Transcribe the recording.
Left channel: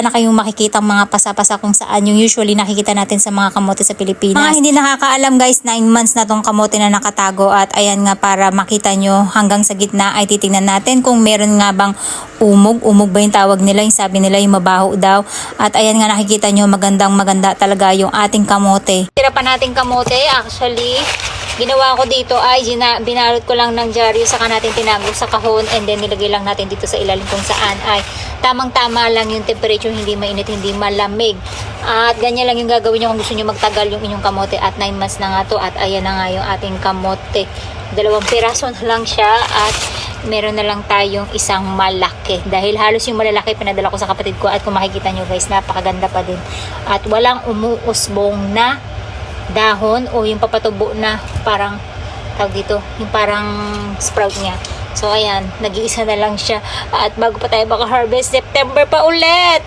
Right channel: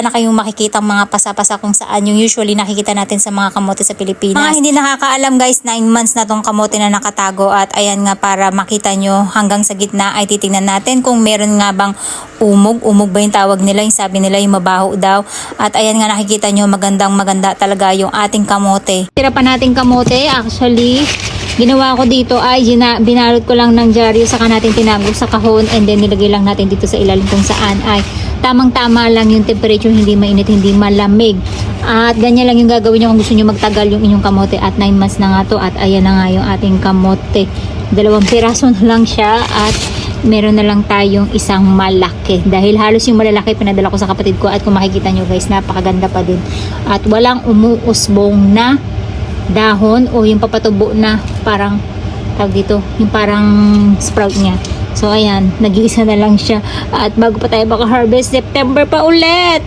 na kayong makikita mga pasa-pasa kung saan yung usually nakikita natin sa mga kamote sa Pilipinas. Mga hindi nakakaalam guys, 9 months na tong kamote na nakatago at ayan nga para makita nyo hanggang sa gitna ay titingnan natin kung meron nga bang umog ba yung tawag nila, yung sabi nila yung mabaho daw. At ayan nga nakikita nyo maganda talaga yung ating kamote. Tira pa natin kamote actually. Ginawa ko dito ay binalot ko lang ng dyaryo saka natin tinago sa kahon and then nilagay lang natin dito sa ilalim kung saan ay tamang-tama lang yung temperature, hindi mainit, hindi malamig. At ganyan lang yung gagawin nyo kung gusto nyo magtagal yung inyong kamote at 9 months na nga to at ayan na nga yung ating kamote. 2 piraso na lang siya at meron na lang tayong isang malaki. Dahil halos yung malalaki pinadala ko sa kapatid ko at kung makikita nyo guys, napakaganda pa din. At walang umuusbong na dahon o yung papatubo na parang tawag dito, yung parang sprout niya. So ayan, nag-iisa na lang siya at bago pa tayo maka-harvest, September pa ulit.